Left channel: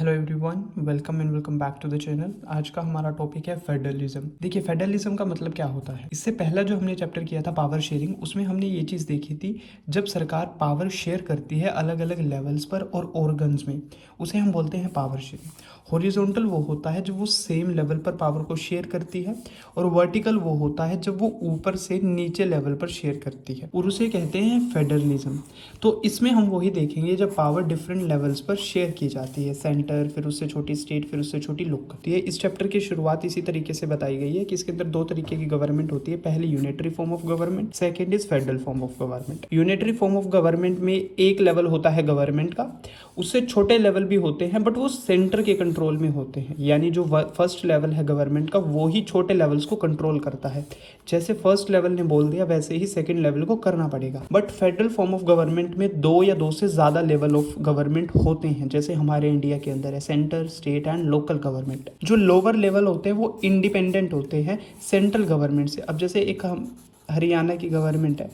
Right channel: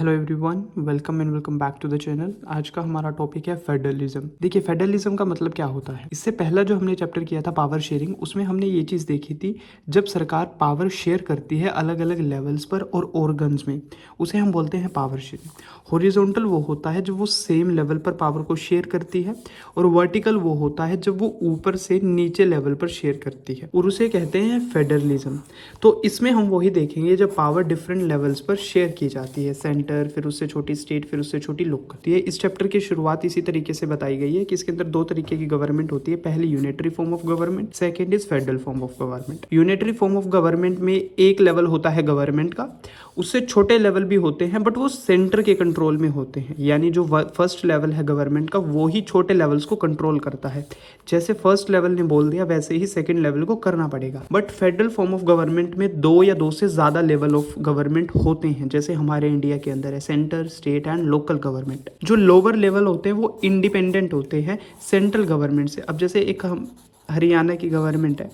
Hello everyone, welcome back to the channel. आज का हमारा टॉपिक है फेडरलिज्म। देखिए, फेडरलिज्म का मतलब क्या होता है। इससे पहला जो हमने चैप्टर किया था पावर शेयरिंग, उसमें हमने ये चीज़ देखी थी, जब सरकार पावर शेयर करती है अलग अलग लेवल्स पर और ऑर्गन्स में, उसे हम बोलते हैं पावर शेयरिंग। हॉरिजॉन्टल वो होता है जब वो सेम लेवल पर पावर को शेयर करती है, और वर्टिकल वो होता है जब वो ऊपर से नीचे लेवल पर शेयर करती है, और उसे कहते हैं फेडरलिज्म। तो इसमें हम वही देखेंगे जब पावर डिफरेंट लेवल्स पर शेयर की जाती है, सेंटर, फिर उससे छोटी स्टेट, फिर उससे छोटी लोकल। इस चैप्टर की शुरुआत इसी तरीके से बताई गई है कि इसके अंदर दो तरीके की गवर्नमेंट होती है। पहली unitary form of government, second is federal form of government. Unitary form of government में एक लेवल होता है गवर्नमेंट का, उससे छोटे लेवल भी होते हैं बट वो सेंटर के कंट्रोल में होते हैं। यानी जो फर्स्ट लेवल है गवर्नमेंट का, वो ही छोटे लेवल्स को कंट्रोल करता है। जैसे फर्स्ट लेवल ने बोल दिया वैसे ही सेकंड लेवल को करना पड़ेगा। But federal form of government में दो या दो से ज्यादा लेवल ऑफ गवर्नमेंट होते हैं, जैसे हमारे इंडिया के अंदर है centre, state and local government. जो लोअर लेवल होते हैं वो इंडिपेंडेंट होते हैं सेंट्रल गवर्नमेंट से। अब जैसे एक हम हरियाणा की गवर्नमेंट है,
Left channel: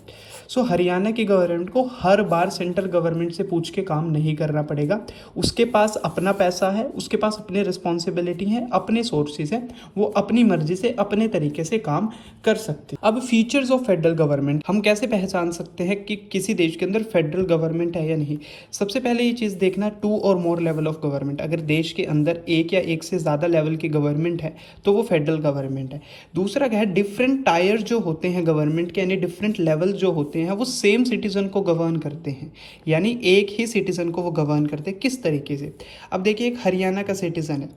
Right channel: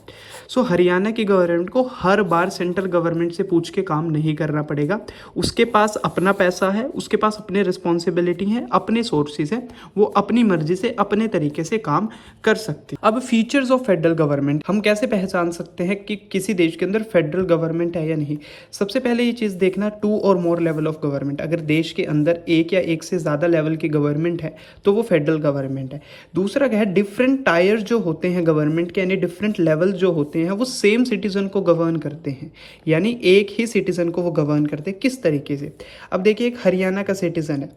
सो हरियाणा की गवर्नमेंट को हर बार सेंट्रल गवर्नमेंट से पूछ के काम नहीं करना पड़ेगा। उसके पास अपना पैसा है, उसके पास अपने रिस्पॉन्सिबिलिटी है, अपने सोर्सेज है, वो अपनी मर्जी से अपने तरीके से काम कर सकती है। अब फीचर्स ऑफ फेडरल गवर्नमेंट, हम कैसे पहचान सकते हैं कि किसी देश के अंदर फेडरल गवर्नमेंट है या नहीं। सबसे पहले ये चीज़ देखना, 2 और मोर लेवल ऑफ गवर्नमेंट। अगर देश के अंदर एक या एक से ज़्यादा लेवल की गवर्नमेंट है तो वो फेडरल गवर्नमेंट है। दूसरा क्या है, डिफरेंट टायर जो होते हैं गवर्नमेंट के, यानी डिफरेंट लेवल जो होते हैं वो सेम सिटीजन को गवर्न करते हैं, यानी एक ही सिटीजन को वो गवर्न करते हैं। किस तरीके से, अब देखिए एक हरियाणा का सिटीजन है,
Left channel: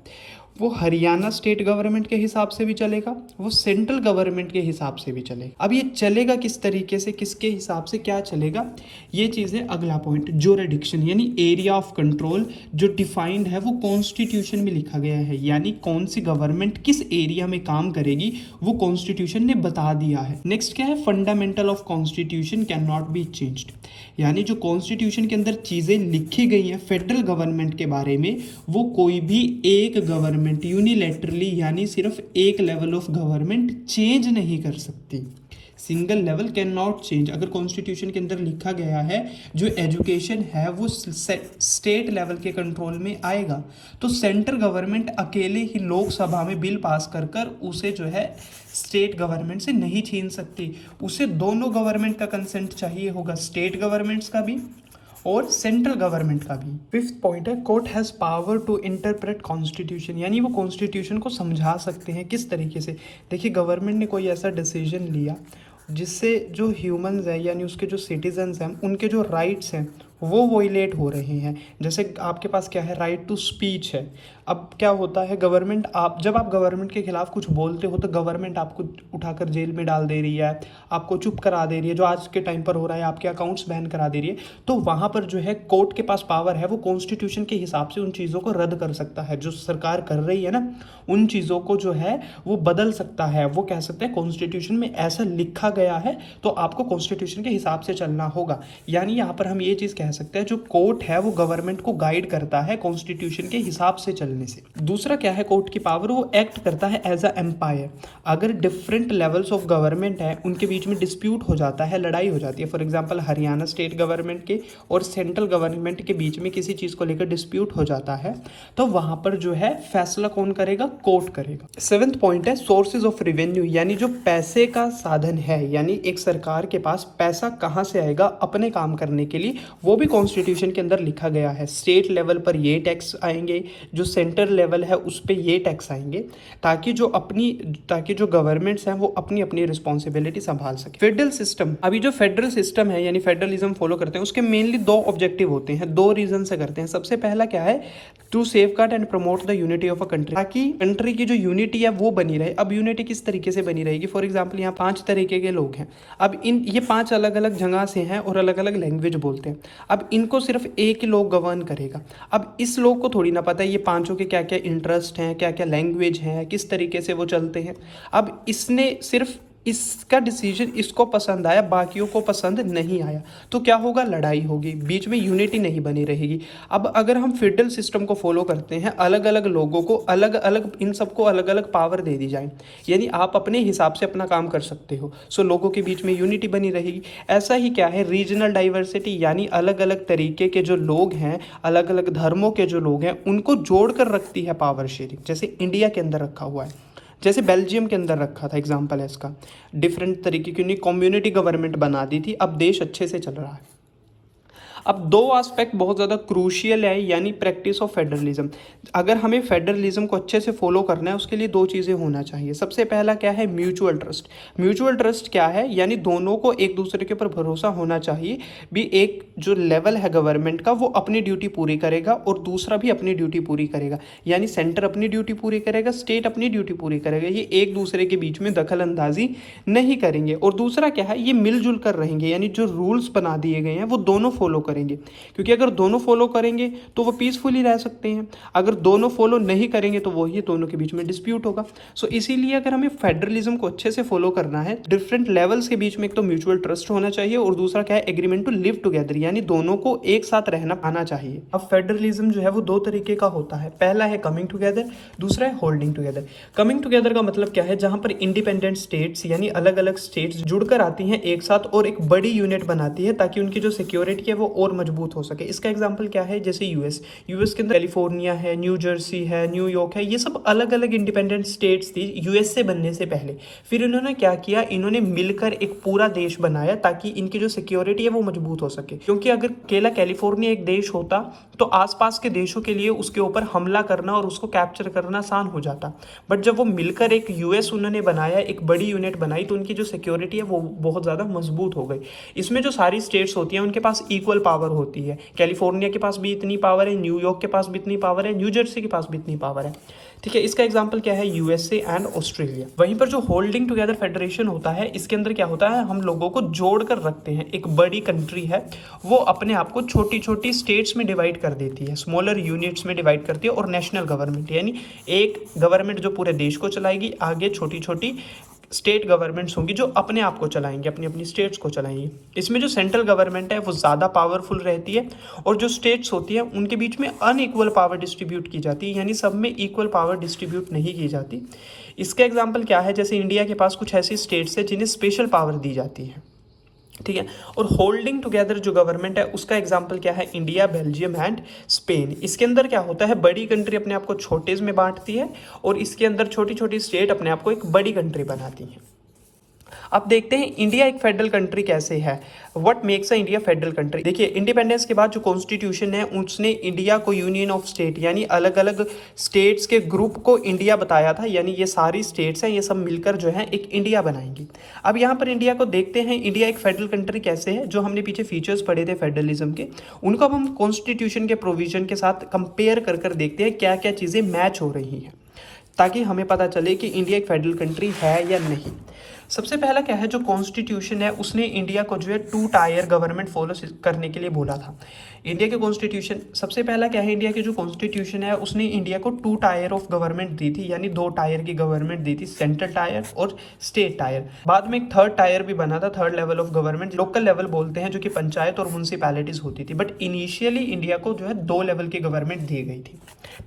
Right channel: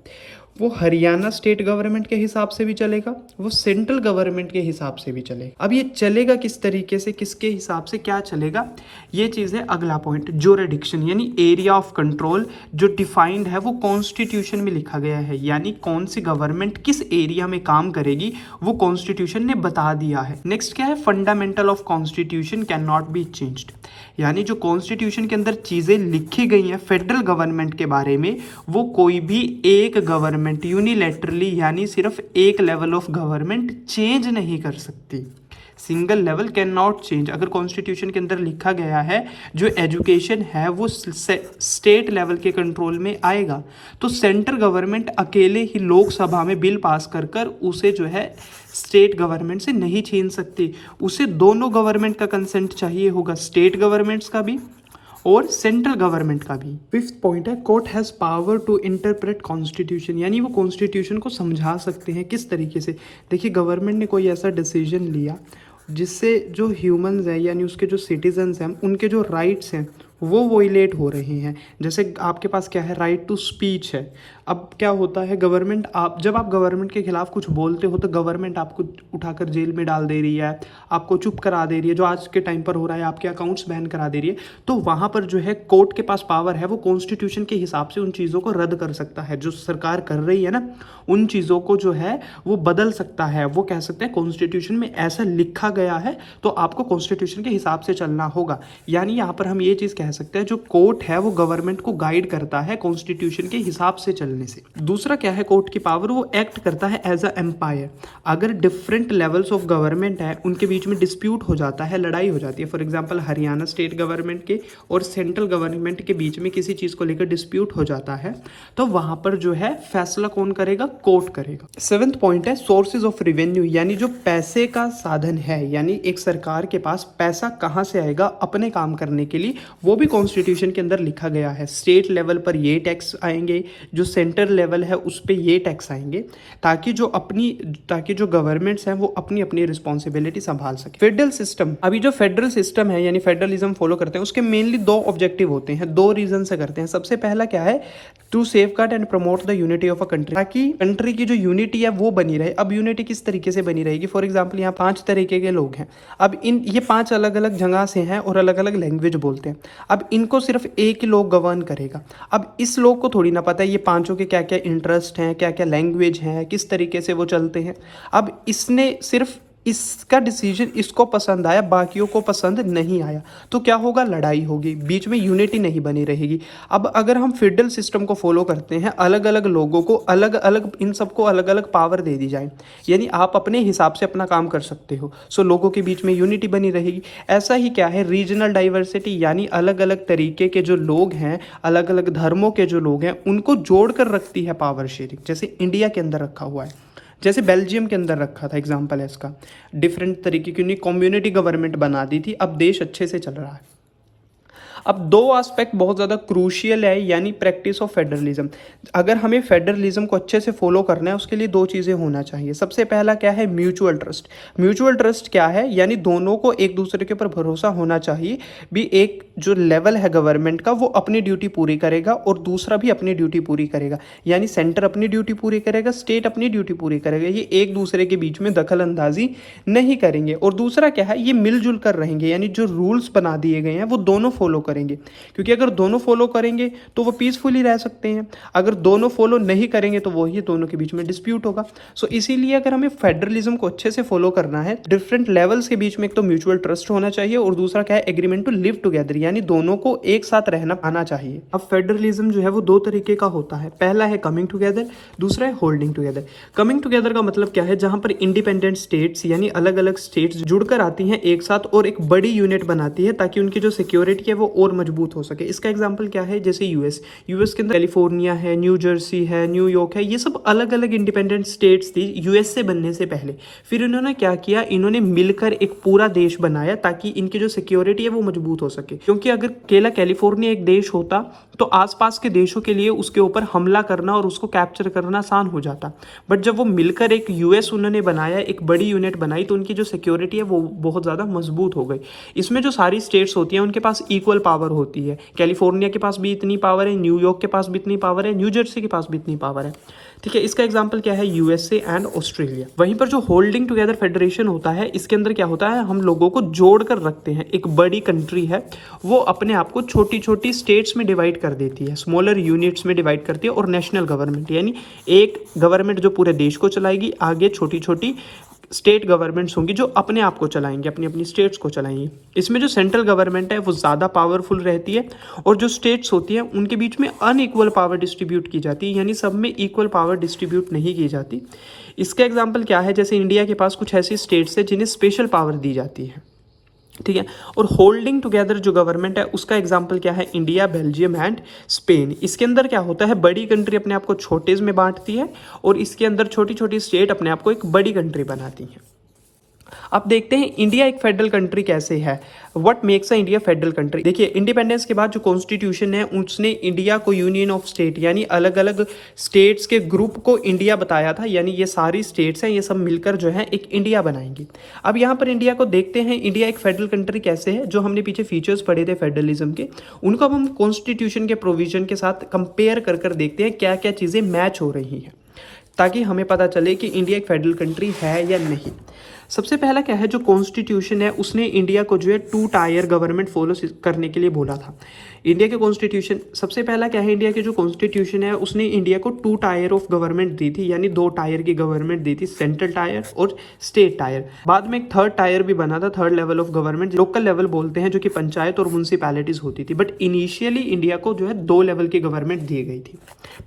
वो हरियाणा स्टेट गवर्नमेंट के हिसाब से भी चलेगा, वो सेंट्रल गवर्नमेंट के हिसाब से भी चलेगा। अब ये चलेगा किस तरीके से, किसके हिसाब से क्या चलेगा, ये चीज़ है अगला पॉइंट। ज्यूरिडिक्शन यानी एरिया ऑफ कंट्रोल जो डिफाइंड है वो कॉन्स्टिट्यूशन में लिखा गया है, यानी कौन सी गवर्नमेंट किस एरिया में काम करेगी वो कॉन्स्टिट्यूशन ने बता दिया है। नेक्स्ट क्या है, fundamental of constitution can not be changed, यानी जो कॉन्स्टिट्यूशन के अंदर चीज़ें लिखी गई हैं फेडरल गवर्नमेंट के बारे में, वो कोई भी एक गवर्नमेंट यूनिलैटरली यानी सिर्फ एक लेवल ऑफ गवर्नमेंट चेंज नहीं कर सकती। Single level can not change. अगर कॉन्स्टिट्यूशन के अंदर लिखा गया है जो एजुकेशन है वो स्टेट लेवल के कंट्रोल में आएगा, तो सेंट्रल गवर्नमेंट अकेले ही लोकसभा में बिल पास कर कर उसे जो है स्टेट गवर्नमेंट से नहीं छीन सकती। उसे दोनों गवर्नमेंट का कंसेंट चाहिए होगा, स्टेट गवर्नमेंट्स का भी और सेंट्रल गवर्नमेंट का भी। फिफ्थ पॉइंट है, court has power to interpret constitution, यानी वो कॉन्स्टिट्यूशन को समझा सकते हैं। किस तरीके से, देखिए गवर्नमेंट ने कोई ऐसा डिसीजन लिया जिससे जो ह्यूमंस हैं यानी उसके जो सिटीजन्स हैं उनके जो राइट्स हैं वो वॉयलेट हो रहे हैं। जैसे आपके पास क्या है, राइट टू स्पीच है। अब क्या होता है, गवर्नमेंट जब आप गवर्नमेंट के खिलाफ कुछ बोलते हो तो गवर्नमेंट आपको उठाकर जेल में डाल दे रही है, आपको चुप करा दे रही है, जो आज के टाइम पर हो रहा है, आपके अकाउंट्स बैन करा दे रही है। तो वहाँ पर जो है कोर्ट के पास पावर है, वो कॉन्स्टिट्यूशन के हिसाब से उन चीज़ों को रद्द कर सकता है। जो सरकार कर रही है ना, उन चीज़ों को जो है वो बदल सकता है। वो कह सकते हैं कॉन्स्टिट्यूशन में ऐसा लिखा गया है तो आपको कॉन्स्टिट्यूशन के हिसाब से चलना होगा। यानी यहाँ पर हम ये चीज़ कह सकते हैं, जो कोर्ट है वो गवर्नमेंट को गाइड करता है कॉन्स्टिट्यूशन के हिसाब से चलने से। दूसरा क्या है, कोर्ट की पावर, वो एक्ट करता है एज अ एम्पायर। अगर डिफरेंट लेवल्स ऑफ गवर्नमेंट है उनके बीच में डिस्प्यूट हो जाता है, लड़ाई हो जाती है, for example Haryana state government के और सेंट्रल गवर्नमेंट के बीच में किसी चीज़ को लेकर डिस्प्यूट हो जाता है, तो वहां पर जो है फैसला कौन करेगा, कोर्ट करेगा। सेवेंथ पॉइंट है, सोर्सेज ऑफ रेवेन्यू, यानी जो पैसे का साधन है, यानी एक सरकार के पास पैसा कहाँ से आएगा अपने काम करने के लिए, वो भी कॉन्स्टिट्यूशन के अंदर लिखा गया है। स्टेट लेवल पर ये टैक्स आएंगे, जो सेंटर लेवल है उस पे ये टैक्स आएंगे, ताकि जो गवर्नमेंट्स हैं वो अपनी अपनी रिस्पॉन्सिबिलिटी संभाल सके। फेडरल सिस्टम, अभी जो फेडरल सिस्टम है यानी फेडरलिज्म फॉलो करते हैं, उसके मेनली दो ऑब्जेक्टिव होते हैं, दो रीजन से करते हैं। सबसे पहला क्या है, to safeguard and promote the unity of a country, ताकि कंट्री की जो यूनिटी है वो बनी रहे। अब यूनिटी किस तरीके से बनी रहेगी, फॉर एग्जाम्पल यहाँ 5 तरीके के लोग हैं, अब ये 5 अलग अलग जगह से हैं और अलग अलग लैंग्वेज बोलते हैं। अब इनको सिर्फ एक ही लोग गवर्न करेगा। अब इस लोग को थोड़ी ना पता है ये पांचों के क्या क्या इंटरेस्ट हैं, क्या क्या लैंग्वेज हैं, किस तरीके से वो चलते हैं। अब इसने सिर्फ इसका डिसीजन इसको पसंद आया, बाकियों को पसंद नहीं आया, तो क्या होगा, लड़ाई होगी, बीच में यूनिटी नहीं बनी रहेगी। अब अगर हम फेडरल सिस्टम को फॉलो करते हैं, अलग अलग लोगों को अलग अलग, इन सबको अलग अलग पावर दे दी जाए, यानी आप अपने हिसाब से अपना काम कर सकते हो, सो लोगों के बीच में यूनिटी बनी रहेगी। ऐसा ही क्या है, रीजनल डाइवर्सिटी, यानी अलग अलग तरीके के जो लोग हैं, अलग अलग धर्मों के जो लोग हैं, उनको जोड़ कर रखती है पावर शेयरिंग। जैसे इंडिया के अंदर रखा हुआ है, जैसे बेल्जियम के अंदर रखा था, एग्जाम्पल है इसका। डिफरेंट तरीके की उन्हें कम्युनिटी गवर्नमेंट बना दी थी, अब देश अच्छे से चल रहा है। अब दो एस्पेक्ट बहुत ज़्यादा क्रूशियल है, यानी प्रैक्टिस ऑफ फेडरलिज्म। अगर हमें फेडरलिज्म को अच्छे से फॉलो करना है, उसके लिए दो चीज़ें होना चाहिए। सबसे पहला क्या है, म्यूचुअल ट्रस्ट। म्यूचुअल ट्रस्ट क्या है, यानी दोनों को एक दूसरे के ऊपर भरोसा होना चाहिए। भी एक जो लेवल है गवर्नमेंट का, वो अपनी ड्यूटी पूरी करेगा और दूसरा भी अपनी ड्यूटी पूरी करेगा, यानी सेंटर अपनी ड्यूटी पूरी करेगा, स्टेट अपनी ड्यूटी पूरी करेगा। ये एक दूसरे के बीच में दखल अंदाजी नहीं करेंगे। और दूसरा क्या है, ये मिलजुल कर रहेंगे, यानी जो रूल्स बना दिए गए हैं वो दोनों फॉलो करेंगे, क्योंकि अगर दोनों फॉलो करेंगे तो वो पीसफुली रह सकते हैं। अगर दोनों फॉलो नहीं करेंगे तो वो ही दोनों के बीच में डिस्प्यूट होगा। सो इसीलिए अगर हमें फेडरलिज्म को अच्छे से फॉलो करना है, डिफरेंट लेवल्स के बीच में एक तो म्यूचुअल ट्रस्ट होना चाहिए और दूसरा क्या है, एग्रीमेंट टू लिव टुगेदर, यानी दोनों को एक साथ रहना आना चाहिए। अब फेडरलिज्म जो है वो दो तरीके का होता है। पहला है कमिंग टुगेदर, दूसरा है होल्डिंग टुगेदर। कमिंग टुगेदर का मतलब क्या है, जहां पर इंडिपेंडेंट स्टेट्स यानी अलग अलग स्टेट्स जुड़कर आती हैं एक साथ और एक बड़ी यूनिट बनाती है, ताकि उनकी जो सिक्योरिटी है वो और मजबूत हो सके। इसका एग्जांपल क्या है, जैसे यूएस के अंदर कैलिफोर्निया है, न्यू जर्सी है, न्यूयॉर्क है, ये सब अलग अलग इंडिपेंडेंट स्टेट्स थी यूएस से बनने से पहले। फिर इन्होंने क्या किया, इन्होंने मिलकर एक पूरा देश बनाया ताकि इनकी जो सिक्योरिटी है वो मजबूत हो सके। क्योंकि अगर अकेला कैलिफोर्निया एक देश होता तो आसपास के देशों के लिए उसके ऊपर हमला करना और उसको कैप्चर करना आसान हो जाता। बट जब वो मिलकर एक यूएस उन्होंने बनाया, एक बड़ी यूनिट बनाई, तो उनकी जो सिक्योरिटी है वो बहुत ज़्यादा मजबूत हो गई। इसमें जो सारी स्टेट्स होती हैं उनके पास इक्वल पावर होती है। कैलिफोर्निया के पास भी इतनी पावर है, न्यूयॉर्क के पास भी इतनी पावर है, न्यू जर्सी के पास भी इतनी पावर है। ठीक है, इसका एग्जांपल क्या है, यूएसए एंड ऑस्ट्रेलिया। वहीं पर जो होल्डिंग टुगेदर फेडरेशन होता है, इसके अंदर क्या होता है, हम लोगों को जोड़ कर रखते हैं। एक बड़ी कंट्री है, वो अपने आप को छोटी छोटी स्टेट्स में डिवाइड कर देती है, स्मॉलर यूनिट्स में डिवाइड करती है। और नेशनल गवर्नमेंट, यानी एक गवर्नमेंट जो पूरे देश को चलाएगी, आगे छोटी छोटी स्टेट गवर्नमेंट्स होंगी जो अपने आप को चलाएंगे, अपनी अपनी स्टेट्स को चलाएंगे। इसमें जो सेंट्रल गवर्नमेंट है वो ज़्यादा पावरफुल रहती है और जो स्टेट्स होती हैं उनके बीच में अनइक्वल पावर डिस्ट्रीब्यूट की जाती है, यानी सब में इक्वल पावर डिस्ट्रीब्यूट नहीं की जाती। इसका एग्जाम्पल क्या है, जैसे इंडिया के पास कुछ ऐसी स्टेट्स है जिन्हें स्पेशल पावर दी जाती है। ठीक है, और होल्डिंग टुगेदर जो गवर्नमेंट है उसका एग्जांपल क्या है, इंडिया, बेल्जियम एंड स्पेन। इसके अंदर क्या होता है, बड़ी कंट्री अपने आप को छोटे में बांटती है और इसके अंदर छोटी छोटी स्टेट अपने आप को एक बड़ी कंट्री बनाती है। अब देखते हैं इंडिया एक फेडरल कंट्री कैसे है, what makes a India federal country. देखिए, इंडिपेंडेंस के बाद जो कॉन्स्टिट्यूशन है उसने इंडिया को यूनियन ऑफ स्टेट, यानी अलग अलग स्टेट्स के ग्रुप को इंडिया बताया था, यानी ये सारी स्टेट्स हैं, ये सब मिलकर जो है एक इंडिया बनाएंगी। अब यहाँ पर इंडिया को देखते हैं, इंडिया एक फेडरल कंट्री कैसे है। जो हमने पीछे फीचर्स पढ़े थे फेडरलिज्म के, उनको अब हम कॉन्स्टिट्यूशन के प्रोविजन के साथ कंपेयर कर कर देखते हैं क्या क्या चीज़ें मैच हो रही है, ताकि हमें पता चले कि इंडिया एक फेडरल कंट्री है या नहीं। सबसे पहला क्या है, जो कॉन्स्टिट्यूशन है उसने इंडिया को जो है 2 टायर गवर्नमेंट फॉलो करने के लिए बोला था। इंडिया के कॉन्स्टिट्यूशन, सबसे पहला क्या है, इंडिया के जो कॉन्स्टिट्यूशन है उसने इंडिया को 2 टायर ऑफ गवर्नमेंट दी थी, यानी 2 टायर की गवर्नमेंट दी थी, सेंट्रल टायर और स्टेट टायर। बाद में एक थर्ड टायर भी बना था, third level of government, local level बोलते हैं, जो कि पंचायत और म्यूनसिपैलिटीज होती थी। बट इनिशियली इंडिया को जो है 2 लेवल की गवर्नमेंट दी गई थी।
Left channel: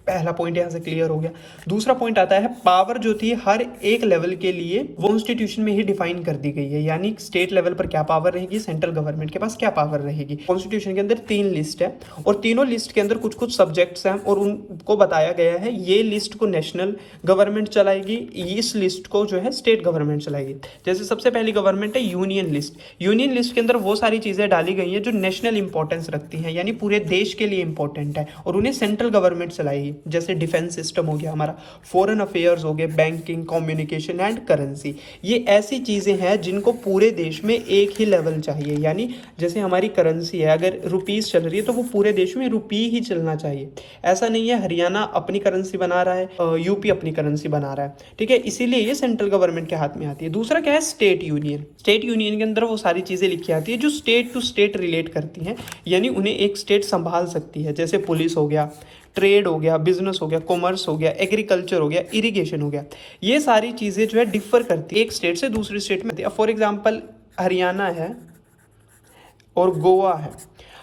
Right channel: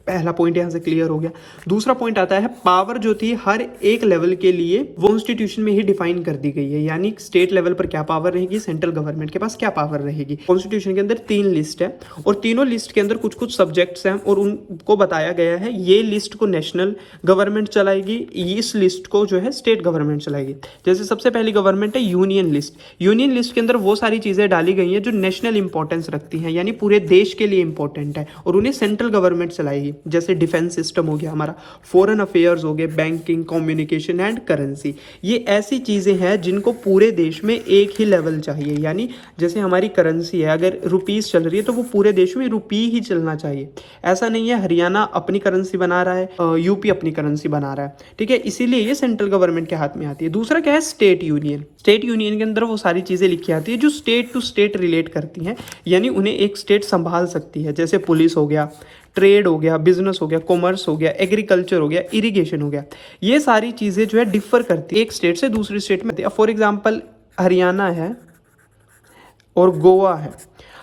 पहला पॉइंट यहाँ से क्लियर हो गया। दूसरा पॉइंट आता है, पावर जो थी हर एक लेवल के लिए कॉन्स्टिट्यूशन में ही डिफाइन कर दी गई है, यानी स्टेट लेवल पर क्या पावर रहेगी, सेंट्रल गवर्नमेंट के पास क्या पावर रहेगी। कॉन्स्टिट्यूशन के अंदर 3 लिस्ट है और तीनों लिस्ट के अंदर कुछ कुछ सब्जेक्ट्स हैं और उनको बताया गया है, ये लिस्ट को नेशनल गवर्नमेंट चलाएगी, इस लिस्ट को जो है स्टेट गवर्नमेंट चलाएगी। जैसे सबसे पहली गवर्नमेंट है यूनियन लिस्ट। यूनियन लिस्ट के अंदर वो सारी चीजें डाली गई हैं जो नेशनल इंपॉर्टेंस रखती हैं, यानी पूरे देश के लिए इंपॉर्टेंट है और उन्हें सेंट्रल गवर्नमेंट चलाएगी। जैसे डिफेंस सिस्टम हो गया हमारा, फॉरेन अफेयर्स हो गए, बैंकिंग, कम्युनिकेशन एंड करेंसी। ये ऐसी चीजें हैं जिनको पूरे देश में एक ही लेवल चाहिए, यानी जैसे हमारी करेंसी है, अगर रुपीस चल रही है तो वो पूरे देश में रुपी ही चलना चाहिए। ऐसा नहीं है हरियाणा अपनी करेंसी बना रहा है, यूपी अपनी करेंसी बना रहा है। ठीक है, इसीलिए ये सेंट्रल गवर्नमेंट के हाथ में आती है। दूसरा क्या है, स्टेट यूनियन। स्टेट यूनियन के अंदर वो सारी चीजें लिखी आती है जो स्टेट टू स्टेट रिलेट करती हैं, यानी उन्हें एक स्टेट संभाल सकती है। जैसे पुलिस हो गया, ट्रेड हो गया, बिजनेस हो गया, कॉमर्स हो गया, एग्रीकल्चर हो गया, इरिगेशन हो गया, ये सारी चीज़ें जो है डिफर करती है एक स्टेट से दूसरी स्टेट में। फॉर एग्जाम्पल हरियाणा है और गोवा है।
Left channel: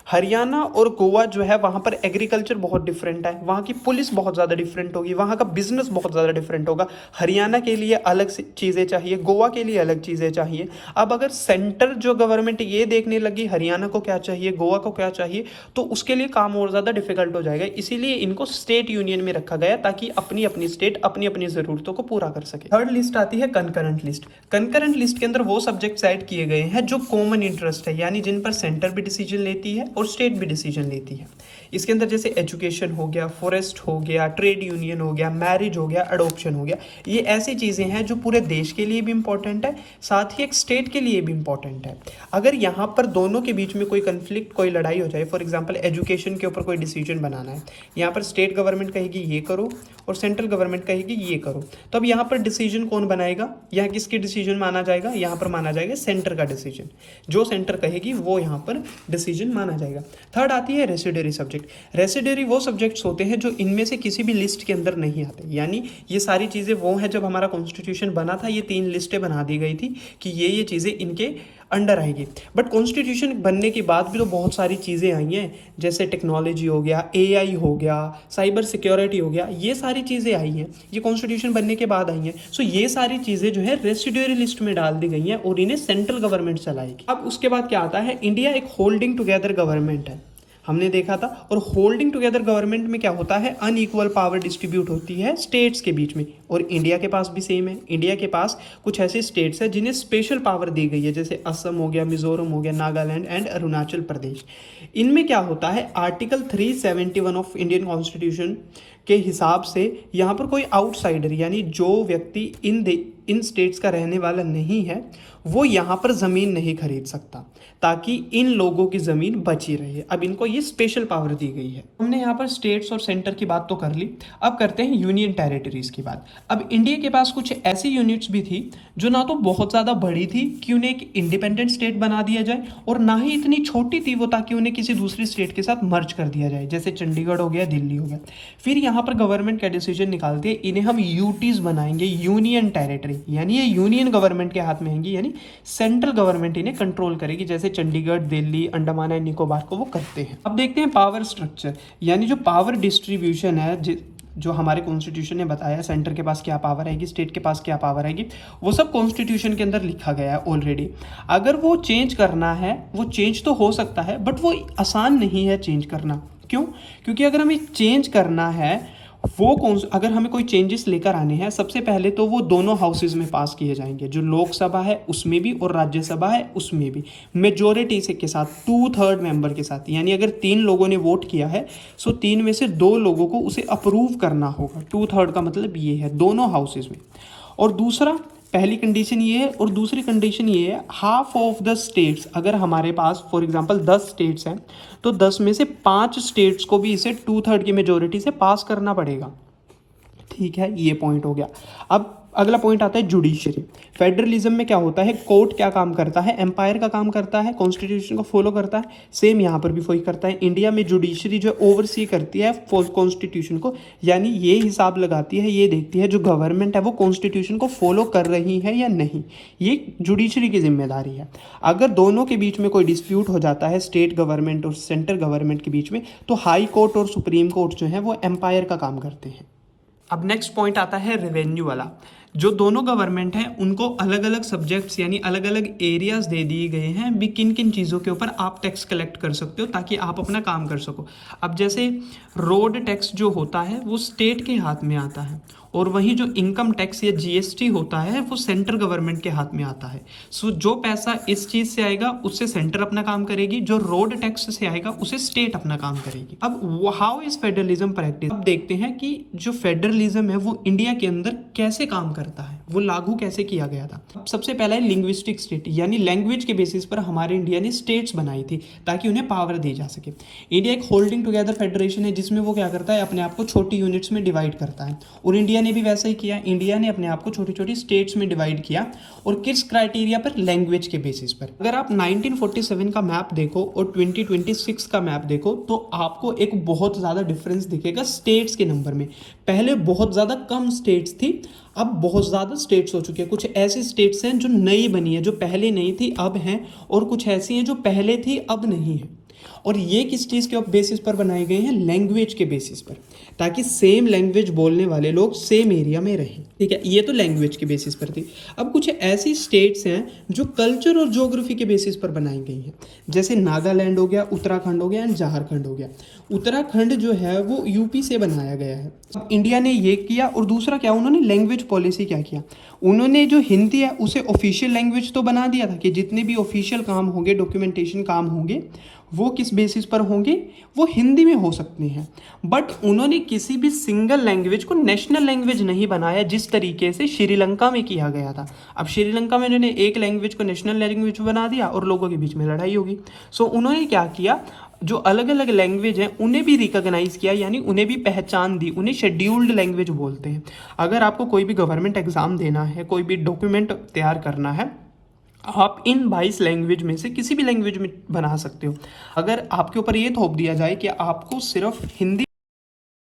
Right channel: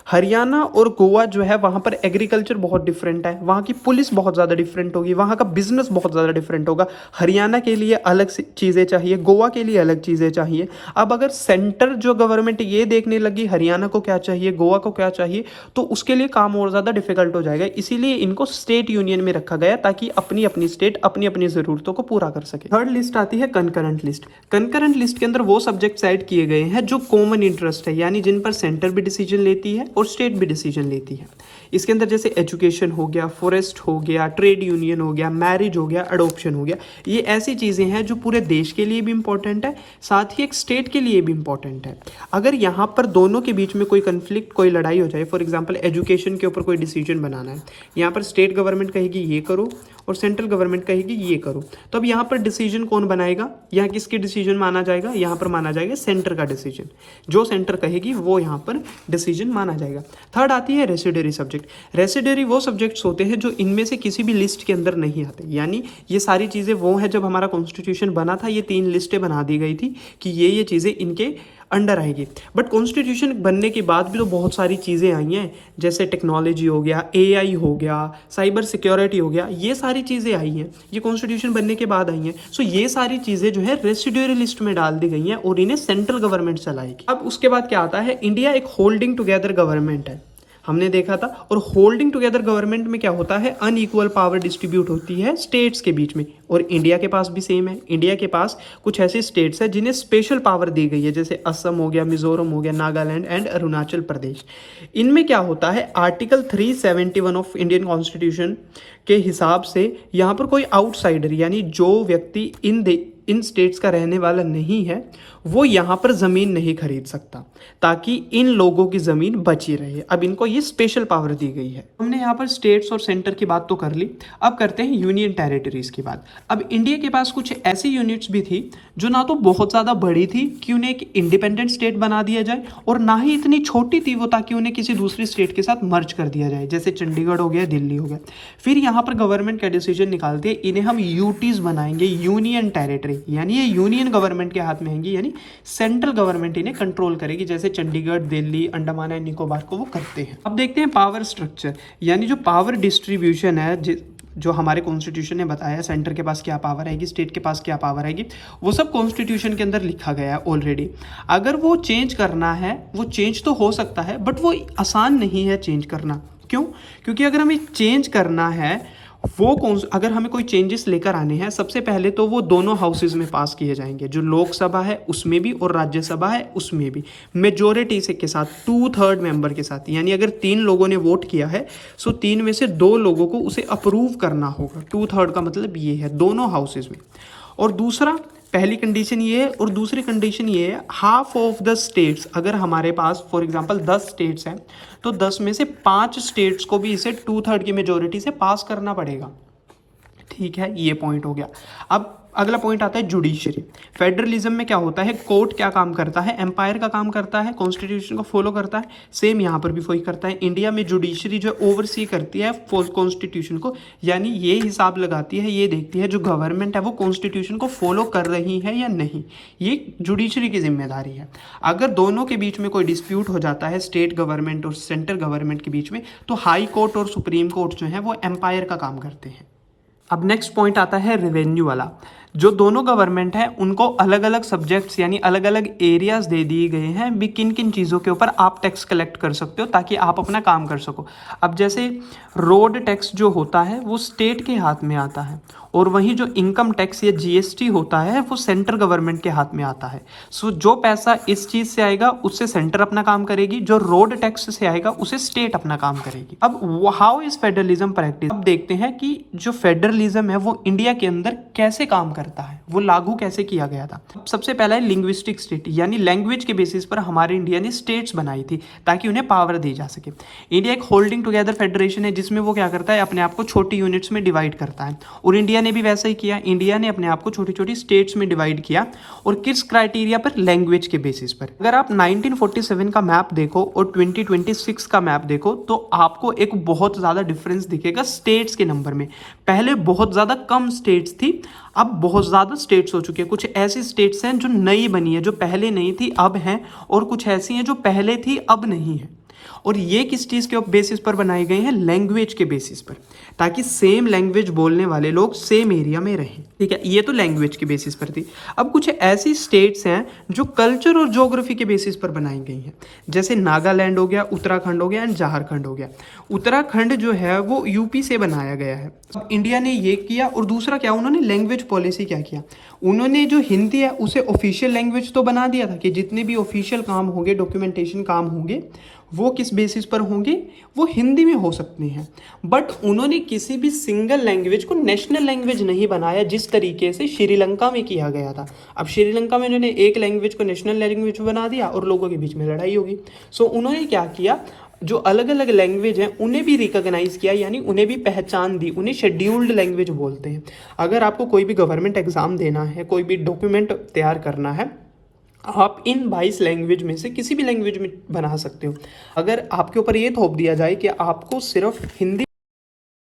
हरियाणा और गोवा जो है वहाँ पर एग्रीकल्चर बहुत डिफरेंट है, वहाँ की पुलिस बहुत ज़्यादा डिफरेंट होगी, वहाँ का बिजनेस बहुत ज़्यादा डिफरेंट होगा। हरियाणा के लिए अलग चीज़ें चाहिए, गोवा के लिए अलग चीज़ें चाहिए। अब अगर सेंटर जो गवर्नमेंट ये देखने लगी हरियाणा को क्या चाहिए, गोवा को क्या चाहिए, तो उसके लिए काम और ज़्यादा डिफिकल्ट हो जाएगा। इसीलिए इनको स्टेट यूनियन में रखा गया ताकि अपनी अपनी स्टेट अपनी अपनी ज़रूरतों को पूरा कर सके। थर्ड लिस्ट आती है कंकरेंट लिस्ट। कंकरेंट लिस्ट के अंदर वो सब्जेक्ट्स ऐड किए गए हैं जो कॉमन इंटरेस्ट है, यानी जिन पर सेंटर भी डिसीजन लेती है और स्टेट भी डिसीजन लेती है। इसके अंदर जैसे एजुकेशन हो गया, फॉरेस्ट हो गया, ट्रेड यूनियन हो गया, मैरिज हो गया, अडॉप्शन हो गया, ये ऐसी चीज़ें हैं जो पूरे देश के लिए भी इंपॉर्टेंट है, साथ ही एक स्टेट के लिए भी इंपॉर्टेंट है। अगर यहाँ पर दोनों के बीच में कोई कंफ्लिक्ट, कोई लड़ाई हो जाए, फॉर एग्जांपल एजुकेशन के ऊपर कोई डिसीजन बनाना है, यहाँ पर स्टेट गवर्नमेंट कहेगी ये करो और सेंट्रल गवर्नमेंट कहेगी ये करो, तो अब यहाँ पर डिसीजन कौन बनाएगा, यहाँ किसके डिसीजन माना जाएगा, यहाँ पर माना जाएगा सेंटर का डिसीजन। जो सेंटर कहेगी वो यहाँ पर डिसीजन माना जाएगा। थर्ड आती है रेसिडरी सब्जेक्ट। रेसिडरी वो सब्जेक्ट्स होते हैं जो इनमें से किसी भी लिस्ट के अंदर नहीं आते, यानी ये सारी चीज़ें वो हैं, जब हमारा कॉन्स्टिट्यूशन बना था ये 3 लिस्टें बना दी गई थी कि ये चीज़ें इनके अंडर आएगी। बट कॉन्स्टिट्यूशन बनने के बाद भी तो बहुत सारी चीज़ें आई हैं, जैसे टेक्नोलॉजी हो गया, एआई हो गया, साइबर सिक्योरिटी हो गया, ये सारी चीज़ें आई हैं, ये कॉन्स्टिट्यूशन बनने के बाद आई हैं। सो ये सारी चीज़ें जो है रेसिड्यूरी लिस्ट में डाल दी गई हैं और इन्हें सेंट्रल गवर्नमेंट चलाएगी। अब उसके बाद क्या आता है, इंडिया एक होल्डिंग टुगेदर गवर्नमेंट है, हमने देखा था। और होल्डिंग टुगेदर गवर्नमेंट में क्या होता है, अनइक्वल पावर डिस्ट्रीब्यूट होती है स्टेट्स के बीच में, और इंडिया के पास भी सेम है। इंडिया के पास कुछ ऐसे स्टेट्स हैं जिन्हें स्पेशल पावर दी गई है, जैसे असम हो गया, मिजोरम हो गया, नागालैंड एंड अरुणाचल प्रदेश। इनमें क्या होता है, आर्टिकल 371 ऑफ इंडियन कॉन्स्टिट्यूशन के हिसाब से यहाँ पर कोई आउटसाइडर, यानी जो व्यक्ति इन स्टेट्स का रहने वाला नहीं है, वो यहाँ पर ज़मीन नहीं खरीद सकता, ताकि इन लोगों की ज़मीन बची रहे। अब इनको ये स्पेशल पावर दी गई है। हमने यहाँ पर स्टेट्स और सेंटर की बात तो कर ली, अब करते हैं यूनियन टेरिटरीज़ की बात। अब इंडिया के पास कुछ ऐसी यूनिट्स भी थी जो ना तो बहुत ज़्यादा बड़ी थी कि उन्हें एक इंडिपेंडेंट स्टेट बना दिया जाए, और ना ही इतनी छोटी थी वो ताकि उन्हें किसी दूसरी स्टेट के साथ मर्ज कर दिया जाए, जैसे चंडीगढ़ हो गया, दिल्ली हो गया। फिर यहाँ पर गवर्नमेंट का डिसीजन निकालते हैं, इन्हें हम यूटीज़ बनाएंगे, यूनियन टेरिटरी, यानी ये यूनियन गवर्नमेंट के हाथ में आएंगी, यानी सेंट्रल गवर्नमेंट इन्हें कंट्रोल करेगी, जैसे चंडीगढ़, दिल्ली, अंडमान एंड निकोबार को वो करते हैं। अब देखते हैं पावर स्ट्रक्चर, यानी जो पावर डिस्ट्रीब्यूशन है, जो हमारे कॉन्स्टिट्यूशन ने बताया, सेंटर के पास क्या पावर आएगी, स्टेट के पास क्या पावर आएगी, वो सब कॉन्स्टिट्यूशन के अंदर लिखा गया है ऑलरेडी। अगर वो चेंज करना है, वो चेंज तो हो सकता है, बट वो आसान नहीं है चेंज करना। क्यों? क्योंकि अगर हमें चेंज करना है, अगर हमें कोई चेंजेस लेकर आने हैं, सबसे पहले तो वो दोनों हाउसेज में पास किए जाएंगे, जो लोकसभा है उसमें भी और राज्यसभा है उसमें भी, मेजोरिटी से के साथ, 2/3 मेंबर के साथ। यानी अगर 3 लोगों ने वोट किया है, सो 3 में से 2 लोगों को उसे अप्रूव करना होगा। 2/3 का मतलब ये है दोनों हाउसेज में। और दूसरा, पहली कंडीशन ये है, और दूसरी कंडीशन ये है, हाफ ऑफ द स्टेट्स, अगर हमारे पास फॉर एग्जांपल 10 स्टेट्स हैं, तो 10 में से 5 स्टेट्स को भी इसे 2/3 की मेजोरिटी से पास करना पड़ेगा। ठीक है, ये पॉइंट हो गया। अब अगला पॉइंट आता है जुडिशरी। फेडरलिज्म में क्या होता है, कोर्ट क्या काम करता है, एम्पायर का काम करता है, कॉन्स्टिट्यूशन को फॉलो करता है। सेम यहाँ पर भी वही करता है। इंडिया में जुडिशरी जो ओवरसी करती है कॉन्स्टिट्यूशन को, यानी ये हिसाब लगाती है, ये देखती है जो गवर्नमेंट है वो कॉन्स्टिट्यूशन को फॉलो कर रही है या नहीं, ये जुडिशरी की जिम्मेदारी है। अगर दोनों के बीच में कोई डिस्प्यूट हो जाता है, स्टेट गवर्नमेंट और सेंट्रल गवर्नमेंट के बीच में, तो हाई कोर्ट और सुप्रीम कोर्ट जो है वो एम्पायर का काम करते हैं। अब नेक्स्ट पॉइंट आता है रेवेन्यू वाला। जो दोनों गवर्नमेंट है उनको अलग अलग सब्जेक्ट्स यानी अलग अलग एरियाज दे दिए गए हैं भी, किन किन चीज़ों के ऊपर आप टैक्स कलेक्ट कर सकते हो ताकि आप अपना काम कर सको। अब जैसे रोड टैक्स जो होता है वो स्टेट के हाथ में आता है, और वहीं जो इनकम टैक्स या जीएसटी होता है वो सेंट्रल गवर्नमेंट के हाथ में आता है। सो जो पैसा इस चीज़ से आएगा उससे सेंटर अपना काम करेगी, जो रोड टैक्स से आएगा उसे स्टेट अपना काम करेगी। अब हाउ इज फेडरलिज्म प्रैक्टिस, अब देखते हैं कि जो फेडरलिज्म है वो इंडिया के अंदर कैसे काम करता है, वो लागू कैसे किया गया था। सबसे पहला है लिंग्विस्टिक स्टेट, यानी लैंग्वेज के बेसिस पर हमारे इंडिया ने स्टेट्स बनाई थी ताकि उन्हें पावर दी जा सके। इंडिया एक होल्डिंग टुगेदर फेडरेशन है जिसमें जिसमें वो क्या करता है, अपने आप को छोटी यूनिट्स में डिवाइड करता है। और इंडिया ने भी वैसा ही किया, इंडिया ने अपने आप को छोटी छोटी स्टेट्स में डिवाइड किया। और किस क्राइटेरिया पर? लैंग्वेज के बेसिस पर। अगर आप 1947 का मैप देखो और 2026 का मैप देखो तो आपको एक बहुत ज़्यादा डिफरेंस दिखेगा स्टेट्स के नंबर में। पहले बहुत ज़्यादा कम स्टेट्स थी, अब बहुत ज़्यादा स्टेट्स हो चुकी है। कुछ ऐसी स्टेट्स हैं जो नई बनी है, जो पहले नहीं थी अब हैं, और कुछ ऐसी हैं जो पहले थी अब नहीं है। और ये किस चीज़ के बेसिस पर बनाई गई हैं? लैंग्वेज के बेसिस पर, ताकि सेम लैंग्वेज बोलने वाले लोग सेम एरिया में रहें। ठीक है, ये तो लैंग्वेज के बेसिस पर थी। अब कुछ ऐसी स्टेट्स हैं जो कल्चर और ज्योग्राफी के बेसिस पर बनाई गई हैं, जैसे नागालैंड हो गया, उत्तराखंड हो गया एंड झारखंड हो गया। उत्तराखंड जो है वो यूपी से बनाया गया है। अब इंडिया ने ये किया। और दूसरा क्या, उन्होंने लैंग्वेज पॉलिसी क्या किया, उन्होंने जो हिंदी है उसे ऑफिशियल लैंग्वेज तो बना दिया था कि जितने भी ऑफिशियल काम होंगे, डॉक्यूमेंटेशन काम होंगे, वो किस बेसिस पर होंगे, वो हिंदी में हो सकते हैं। बट उन्होंने किसी भी सिंगल लैंग्वेज को नेशनल लैंग्वेज नहीं बनाया, जिस तरीके से श्रीलंका में किया गया था। अब श्रीलंका में उन्होंने एक लैंग्वेज को नेशनल लैंग्वेज बना दिया और लोगों के बीच में लड़ाई होगी। सो उन्होंने क्या किया, जो अलग अलग लैंग्वेज हैं उन्हें भी रिकॉग्नाइज किया, यानी उन्हें भी पहचान दी। उन्हें शेड्यूल्ड लैंग्वेज बोलते हैं। अगर आपको कोई भी गवर्नमेंट एग्जाम देना है, कोई भी डॉक्यूमेंट तैयार करना है, आप इन 22 लैंग्वेज में से किसी भी लैंग्वेज में बना सकते हो। अगर आपके ऊपर ये थोप दिया जाए कि आपको सिर्फ हिंदी,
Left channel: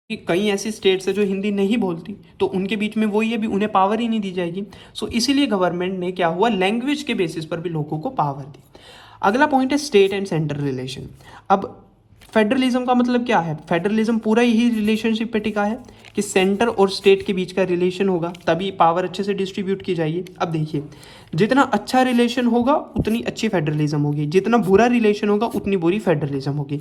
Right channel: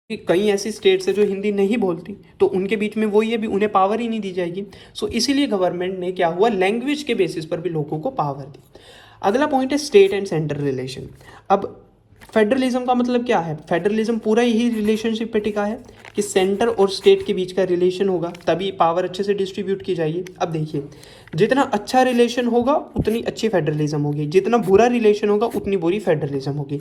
कई ऐसी स्टेट्स है जो हिंदी नहीं बोलती, तो उनके बीच में वही है, भी उन्हें पावर ही नहीं दी जाएगी। सो इसीलिए गवर्नमेंट ने क्या हुआ, लैंग्वेज के बेसिस पर भी लोगों को पावर दी। अगला पॉइंट है स्टेट एंड सेंटर रिलेशन। अब फेडरलिज्म का मतलब क्या है? फेडरलिज्म पूरा यही रिलेशनशिप पे टिका है कि सेंटर और स्टेट के बीच का रिलेशन होगा, तभी पावर अच्छे से डिस्ट्रीब्यूट की जाएगी। अब देखिए, जितना अच्छा रिलेशन होगा उतनी अच्छी फेडरलिज्म होगी, जितना बुरा रिलेशन होगा उतनी बुरी फेडरलिज्म होगी।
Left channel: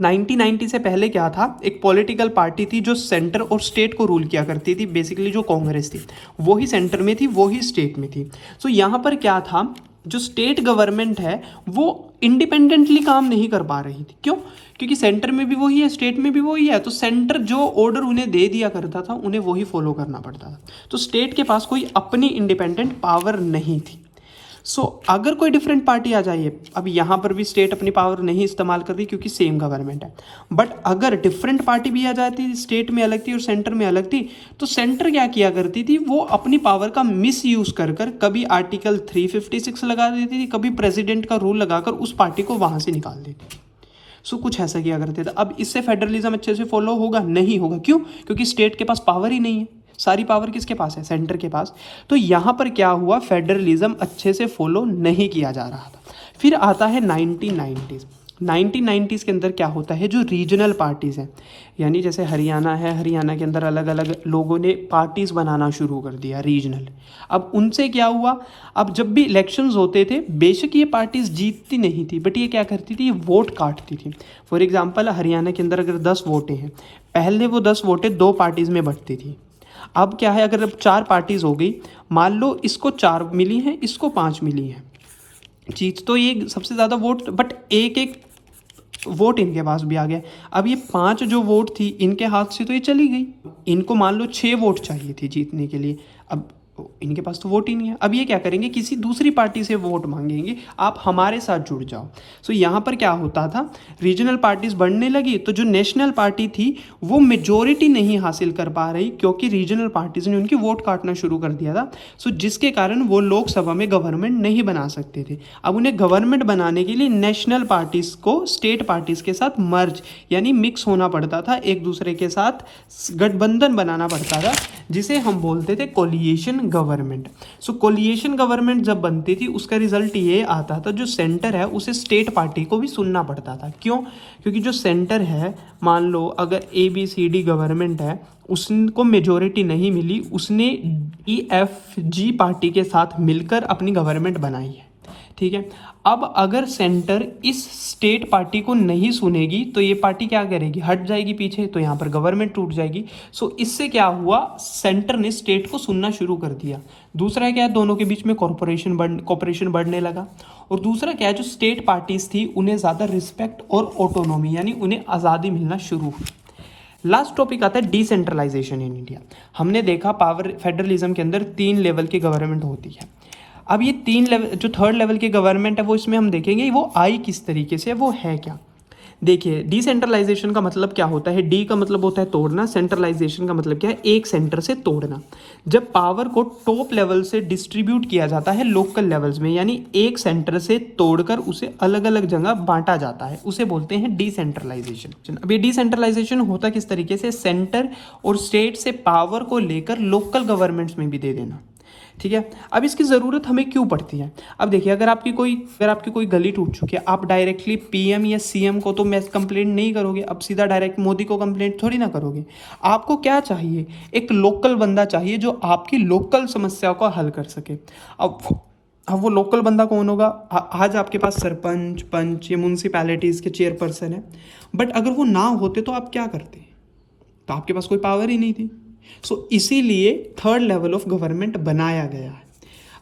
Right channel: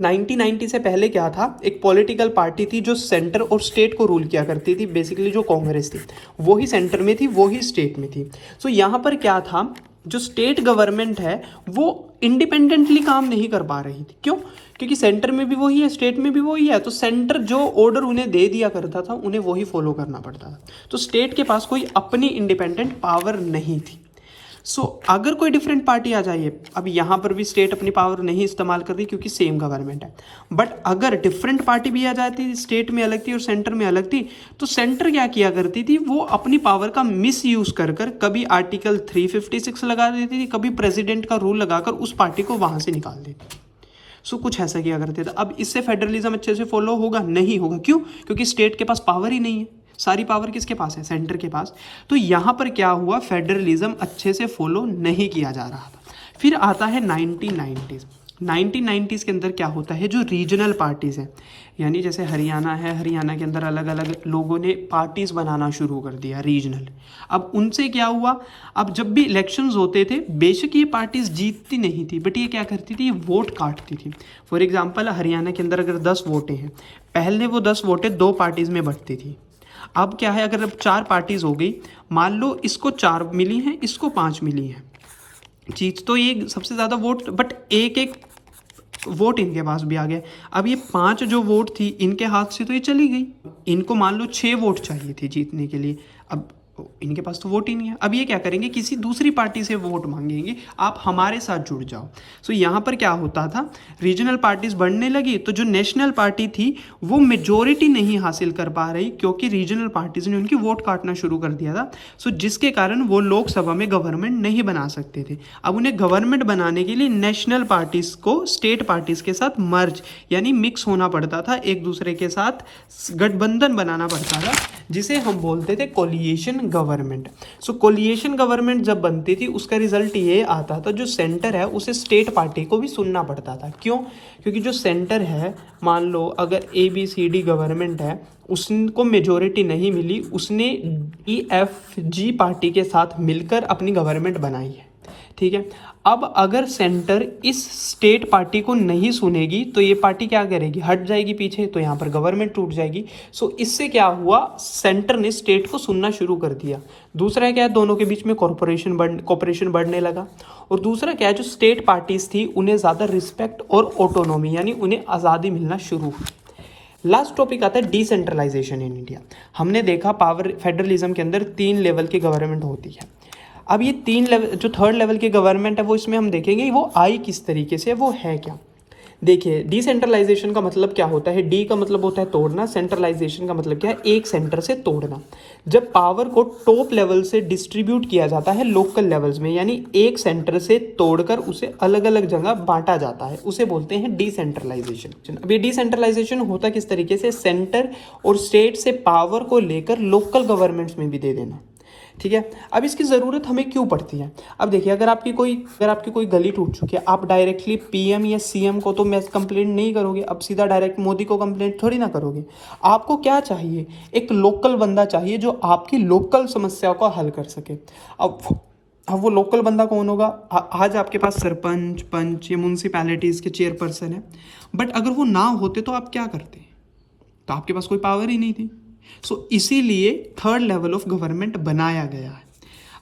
1990 से पहले क्या था, एक पॉलिटिकल पार्टी थी जो सेंटर और स्टेट को रूल किया करती थी, बेसिकली जो कांग्रेस थी, वो ही सेंटर में थी, वो ही स्टेट में थी। सो यहाँ पर क्या था, जो स्टेट गवर्नमेंट है वो इंडिपेंडेंटली काम नहीं कर पा रही थी। क्यों? क्योंकि सेंटर में भी वही है, स्टेट में भी वही है, तो सेंटर जो ऑर्डर उन्हें दे दिया करता था उन्हें वही फॉलो करना पड़ता था। तो स्टेट के पास कोई अपनी इंडिपेंडेंट पावर नहीं थी। सो अगर कोई डिफरेंट पार्टी आ जाइए, अब यहाँ पर भी स्टेट अपनी पावर नहीं इस्तेमाल कर रही क्योंकि सेम गवर्नमेंट है, बट अगर डिफरेंट पार्टी भी आ जाती, स्टेट में अलग थी और सेंटर में अलग थी, तो सेंटर क्या किया करती थी, वो अपनी पावर का मिस यूज कर कभी आर्टिकल 356 लगा देती थी, कभी प्रेसिडेंट का रूल लगाकर उस पार्टी को वहां से निकाल देती थी। सो कुछ ऐसा किया करते थे। अब इससे फेडरलिज्म अच्छे से फॉलो होगा? नहीं होगा। क्यों? क्योंकि स्टेट के पास पावर ही नहीं है, सारी पावर किसके पास है? सेंटर के पास। तो यहाँ पर क्या हुआ, फेडरलिज्म अच्छे से फॉलो नहीं किया जा रहा था। फिर आता है 1990s। 1990s के अंदर क्या होता है, जो रीजनल पार्टीज़ हैं, यानी जैसे हरियाणा है, हरियाणा के अंदर अलग अलग लोगों ने पार्टीज़ बनाना शुरू कर दिया रीजनल। अब उनसे क्या हुआ, अब जब भी इलेक्शंस होते थे, बेशक ये पार्टीज़ जीतती नहीं थी, बट ये क्या करती थी, ये वोट काटती थी। फॉर एग्जाम्पल, हरियाणा के अंदर अगर 10 वोटें हैं, पहले वो 10 वोटें 2 पार्टीज़ में बंटती थी। अब क्या है, अगर अब 4 पार्टीज हो गई, मान लो इसको 4 मिली हैं, इसको 5 मिली हैं, जीत तो ये सबसे ज़्यादा वोट, बट एक एक वोट इनके पास भी आ गया। अब ये 5 जो वोट थी इनके हाथ से तो ये चली गई। इनको मान लो 6 वोट चाहिए थी जीतने के लिए, अब इनके पास तो वोट ही नहीं है। अब ये क्या करेंगे, किसी दूसरी पार्टी से वोट मांगेंगे, आप हमारे साथ जुड़ जाओ। सो यहाँ पर क्या होता था, रीजनल पार्टीज बढ़ने लगी, तो जो नेशनल पार्टी थी वो मेजोरिटी नहीं हासिल कर पा रही, क्योंकि रीजनल पार्टीज ने उनकी वोट काटना शुरू कर दिया था। सो जिसके कारण वो लोकसभा में गवर्नमेंट नहीं बना सकते थे। अब उन्हें गवर्नमेंट बनाने के लिए नेशनल पार्टीज को स्टेट पार्टीज के साथ मर्ज यानी मिक्स होना पड़ता था, एक दूसरे के साथ गठबंधन बनाना पड़ता था, जिसे हम बोलते थे कोलिएशन गवर्नमेंट। सो कोलिएशन गवर्नमेंट जब बनती थी, उसका रिजल्ट ये आता था, जो सेंटर है उसे स्टेट पार्टी को भी सुनना पड़ता था। क्यों? क्योंकि जो सेंटर है, मान लो अगर ABCD गवर्नमेंट है, उसको मेजोरिटी नहीं मिली, उसने EFG पार्टी के साथ मिलकर अपनी गवर्नमेंट बनाई है। ठीक है, अब अगर सेंटर इस स्टेट पार्टी को नहीं सुनेगी तो ये पार्टी क्या करेगी, हट जाएगी पीछे, तो यहाँ पर गवर्नमेंट टूट जाएगी। सो इससे क्या हुआ, सेंटर ने स्टेट को सुनना शुरू कर दिया। दूसरा क्या है, दोनों के बीच में कोऑपरेशन बढ़ने लगा। और दूसरा क्या है, जो स्टेट पार्टीज थी उन्हें ज़्यादा रिस्पेक्ट और ऑटोनॉमी यानी उन्हें आज़ादी मिलना शुरू हुई। लास्ट टॉपिक आता है डिसेंट्रलाइजेशन इन इंडिया। हमने देखा पावर फेडरलिज्म के अंदर 3 लेवल की गवर्नमेंट होती है। अब ये 3 लेवल, जो 3rd लेवल की गवर्नमेंट है, वो इसमें हम देखेंगे वो आई किस तरीके से, वो है क्या। देखिए डिसेंट्रलाइजेशन का मतलब क्या होता है, डी का मतलब होता है तोड़ना, सेंट्रलाइजेशन का मतलब क्या है, एक सेंटर से तोड़ना। जब पावर को टॉप लेवल से डिस्ट्रीब्यूट किया जाता है लोकल लेवल्स में, यानी एक सेंटर से तोड़कर उसे अलग अलग जगह बांटा जाता है, उसे बोलते हैं डिसेंट्रलाइजेशन। अब ये डिसेंट्रलाइजेशन होता किस तरीके से, सेंटर और स्टेट से पावर को लेकर लोकल गवर्नमेंट्स में भी दे देना। ठीक है, अब इसकी ज़रूरत हमें क्यों पड़ती है। अब देखिए अगर आपकी कोई गली टूट चुकी है, आप डायरेक्टली पीएम या सीएम को तो मैस कंप्लेंट नहीं करोगे, अब सीधा डायरेक्ट मोदी को कंप्लेंट थोड़ी ना करोगे। आपको क्या चाहिए, एक लोकल बंदा चाहिए जो आपकी लोकल समस्या को हल कर सके। अब वो लोकल बंदा कौन होगा, आज आपके पास सरपंच, पंच या म्यूनसिपैलिटीज़ के चेयरपर्सन है, बट अगर वो ना होते तो आप क्या करते, तो आपके पास कोई पावर ही नहीं थी। सो इसीलिए थर्ड लेवल ऑफ गवर्नमेंट बनाया गया है।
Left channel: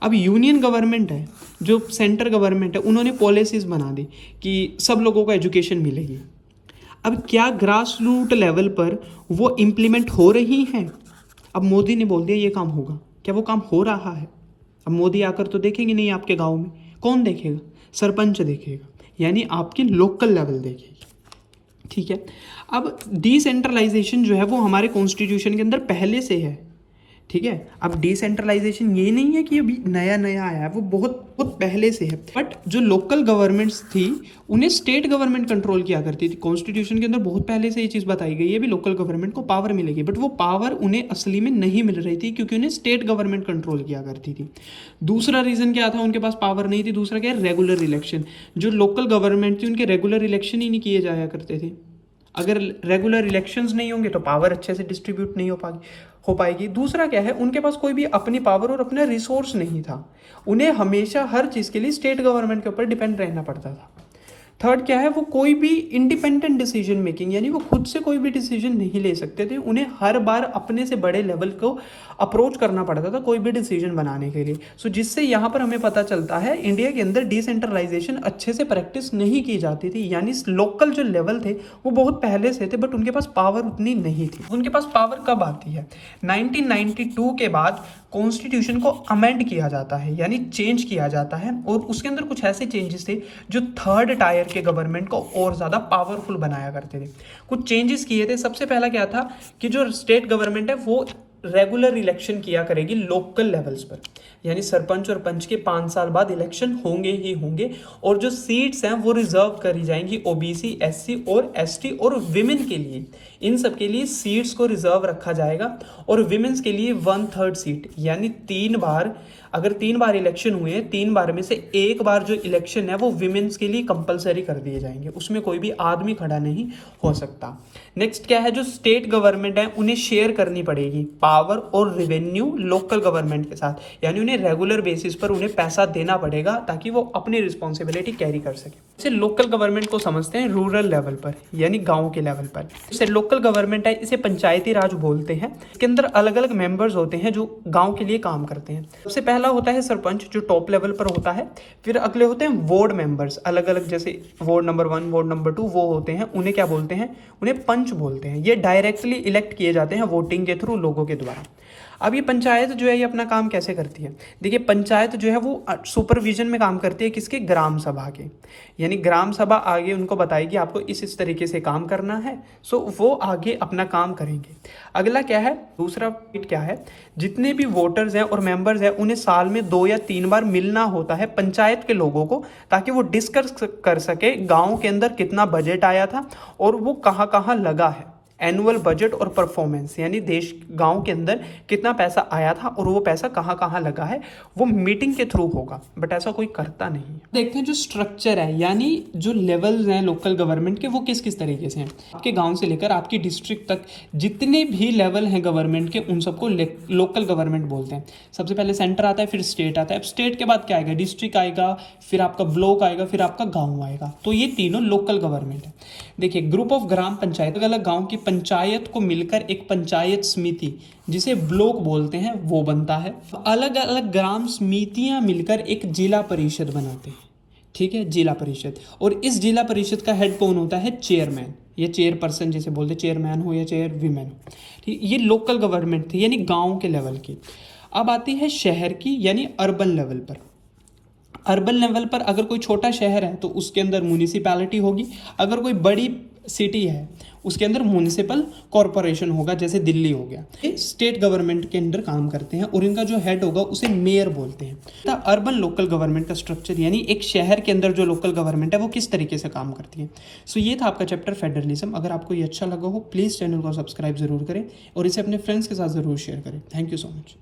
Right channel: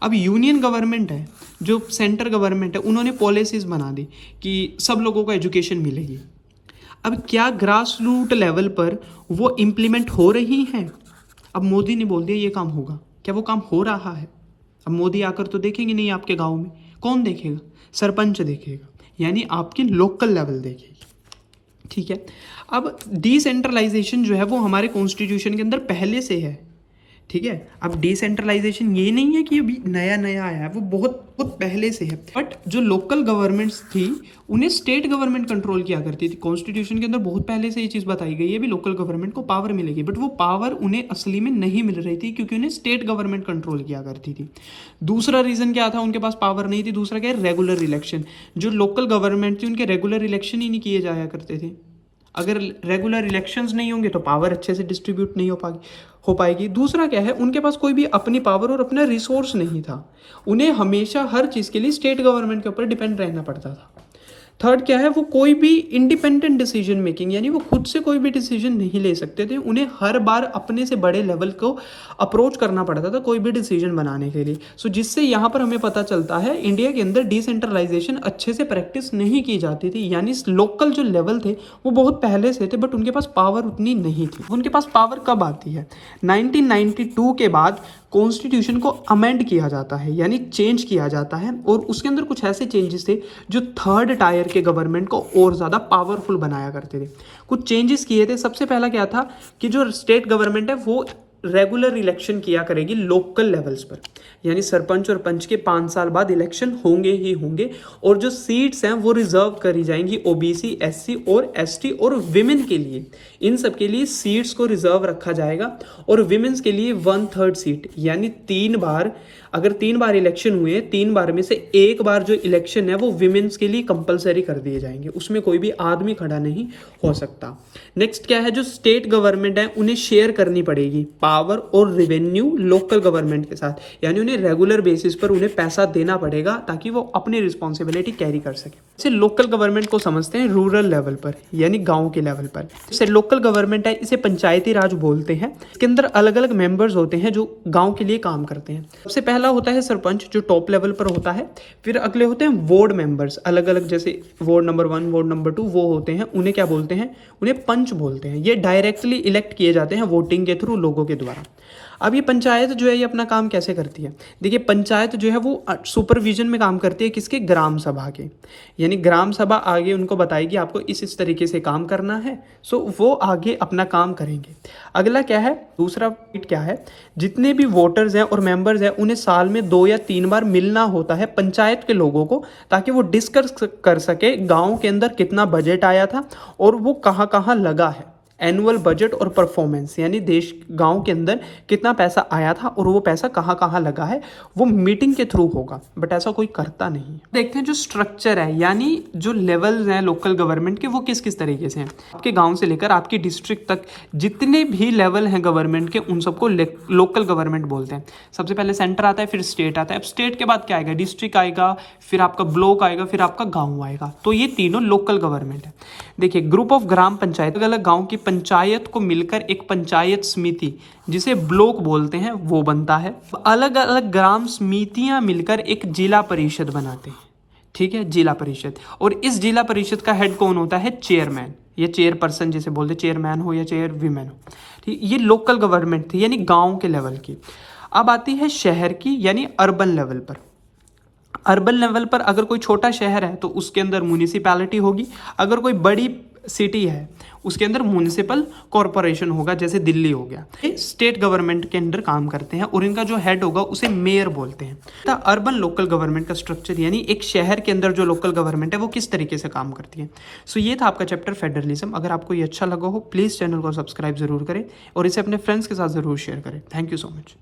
अब यूनियन गवर्नमेंट है, जो सेंटर गवर्नमेंट है, उन्होंने पॉलिसीज बना दी कि सब लोगों को एजुकेशन मिलेगी। अब क्या ग्रास रूट लेवल पर वो इम्प्लीमेंट हो रही हैं। अब मोदी ने बोल दिया ये काम होगा, क्या वो काम हो रहा है। अब मोदी आकर तो देखेंगे नहीं आपके गांव में, कौन देखेगा, सरपंच देखेगा, यानी आपकी लोकल लेवल देखेगी। ठीक है, अब डिसेंट्रलाइजेशन जो है वो हमारे कॉन्स्टिट्यूशन के अंदर पहले से है। ठीक है, अब डिसेंट्रलाइजेशन ये नहीं है कि अभी नया नया आया है, वो बहुत बहुत पहले से है। बट जो लोकल गवर्नमेंट्स थी उन्हें स्टेट गवर्नमेंट कंट्रोल किया करती थी। कॉन्स्टिट्यूशन के अंदर बहुत पहले से ये चीज़ बताई गई है भी लोकल गवर्नमेंट को पावर मिलेगी, बट वो पावर उन्हें असली में नहीं मिल रही थी क्योंकि उन्हें स्टेट गवर्नमेंट कंट्रोल किया करती थी। दूसरा रीज़न क्या था, उनके पास पावर नहीं थी। दूसरा क्या है, रेगुलर इलेक्शन। जो लोकल गवर्नमेंट थी उनके रेगुलर इलेक्शन ही नहीं किए जाया करते थे। अगर रेगुलर इलेक्शंस नहीं होंगे तो पावर अच्छे से डिस्ट्रीब्यूट नहीं हो पाएगी। दूसरा क्या है, उनके पास कोई भी अपनी पावर और अपना रिसोर्स नहीं था। उन्हें हमेशा हर चीज़ के लिए स्टेट गवर्नमेंट के ऊपर डिपेंड रहना पड़ता था। थर्ड क्या है, वो कोई भी इंडिपेंडेंट डिसीजन मेकिंग, यानी वो खुद से कोई भी डिसीजन नहीं ले सकते थे। उन्हें हर बार अपने से बड़े लेवल को अप्रोच करना पड़ता था कोई भी डिसीजन बनाने के लिए। सो जिससे यहाँ पर हमें पता चलता है इंडिया के अंदर डिसेंट्रलाइजेशन अच्छे से प्रैक्टिस नहीं की जाती थी, यानी लोकल जो लेवल थे वो बहुत पहले से थे, बट उनके पास पावर उतनी नहीं थी। उनके पास पावर कब आती है, 1992 के बाद कॉन्स्टिट्यूशन को अमेंड किया जाता है, यानी चेंज किया जाता है, और उसके अंदर कुछ ऐसे चेंजेस थे जो थर्ड टायर के गवर्नमेंट को और ज़्यादा पावरफुल बनाया करते थे। कुछ चेंजेस किए थे। सबसे पहला क्या था कि जो स्टेट गवर्नमेंट है वो रेगुलर इलेक्शन किया करेगी लोकल लेवल्स पर, यानी सरपंच और पंच के 5 साल बाद इलेक्शन होंगे ही होंगे, और जो सीट्स हैं वो रिजर्व करी जाएंगी ओबीसी, एससी और एसटी और विमेन के लिए। इन सब के लिए सीट्स को रिजर्व रखा जाएगा, और विमेन्स के लिए 1/3 सीट, यानी 3 बार, अगर 3 बार इलेक्शन हुए, 3 बार में से 1 बार जो इलेक्शन है वो विमेन्स के लिए कंपलसरी कर दिए जाएंगे, उसमें कोई भी आदमी खड़ा नहीं हो सकता। नेक्स्ट क्या है, जो स्टेट गवर्नमेंट है उन्हें शेयर करनी पड़ेगी पावर और रेवेन्यू लोकल गवर्नमेंट के साथ, यानी उन्हें रेगुलर बेसिस पर उन्हें पैसा देना पड़ेगा ताकि वो अपनी रिस्पॉन्सिबिलिटी कैरी कर सके। इसे लोकल गवर्नमेंट को समझते हैं रूरल लेवल पर, यानी गांव के लेवल पर। इसे लोकल गवर्नमेंट है, इसे पंचायती राज बोलते हैं। इसके अंदर अलग अलग मेंबर्स होते हैं जो गांव के लिए काम करते हैं। सबसे पहला होता है सरपंच, जो टॉप लेवल पर होता है। फिर अगले होते हैं वार्ड मेंबर्स, अलग अलग, जैसे वार्ड नंबर 1, वार्ड नंबर 2, वो होते हैं, उन्हें क्या बोलते हैं, उन्हें पंच बोलते हैं। ये डायरेक्टली इलेक्ट किए जाते हैं वोटिंग के थ्रू, लोगों के द्वारा। अब ये पंचायत जो है ये अपना काम कैसे करती है, देखिए पंचायत जो है वो सुपरविजन में काम करती है किसके, ग्राम सभा के, यानी ग्राम सभा आगे उनको बताएगी आपको इस तरीके से काम करना है, सो वो आगे अपना काम करेंगे। अगला क्या है, दूसरा पॉइंट क्या है, जितने भी वोटर्स हैं और मेंबर्स हैं उन्हें साल में 2 या 3 बार मिलना होता है पंचायत के लोगों को, ताकि वो डिस्कस कर सके गाँव के अंदर कितना बजट आया था और वो कहाँ कहाँ लगा है। एनुअल बजट और परफॉर्मेंस, यानी देश गांव के अंदर कितना पैसा आया था और वो पैसा कहाँ कहाँ लगा है, वो मीटिंग के थ्रू होगा, बट ऐसा कोई करता नहीं है। देखते हैं जो स्ट्रक्चर है, यानी जो लेवल हैं लोकल गवर्नमेंट के, वो किस किस तरीके से हैं। आपके गांव से लेकर आपकी डिस्ट्रिक्ट तक जितने भी लेवल हैं गवर्नमेंट के, उन सबको लोकल गवर्नमेंट बोलते हैं। सबसे पहले सेंटर आता है, फिर स्टेट आता है। अब स्टेट के बाद क्या आएगा, डिस्ट्रिक्ट आएगा, फिर आपका ब्लॉक आएगा, फिर आपका गाँव आएगा। तो ये तीनों लोकल गवर्नमेंट है। देखिए ग्रुप ऑफ ग्राम पंचायत, अलग अलग गाँव की पंचायत को मिलकर एक पंचायत समिति, जिसे ब्लॉक बोलते हैं, वो बनता है। अलग अलग ग्राम समितियां मिलकर एक जिला परिषद बनाते हैं। ठीक है, जिला परिषद। और इस जिला परिषद का हेड कौन होता है, चेयरमैन या चेयरपर्सन जिसे बोलते, चेयरमैन हो या चेयर वीमेन हो। ठीक, ये लोकल गवर्नमेंट थी, यानी गाँव के लेवल की। अब आती है शहर की, यानी अर्बन लेवल पर। अर्बन लेवल पर अगर कोई छोटा शहर है तो उसके अंदर म्यूनिसिपैलिटी होगी, अगर कोई बड़ी सिटी है उसके अंदर म्यूनिसिपल कॉरपोरेशन होगा, जैसे दिल्ली हो गया। ये स्टेट गवर्नमेंट के अंदर काम करते हैं और इनका जो हेड होगा उसे मेयर बोलते हैं। तो अर्बन लोकल गवर्नमेंट का स्ट्रक्चर, यानी एक शहर के अंदर जो लोकल गवर्नमेंट है वो किस तरीके से काम करती है। सो ये था आपका चैप्टर फेडरलिज्म। अगर आपको ये अच्छा लगा हो प्लीज़ चैनल को सब्सक्राइब जरूर करें और इसे अपने फ्रेंड्स के साथ जरूर शेयर करें। Thank you so much.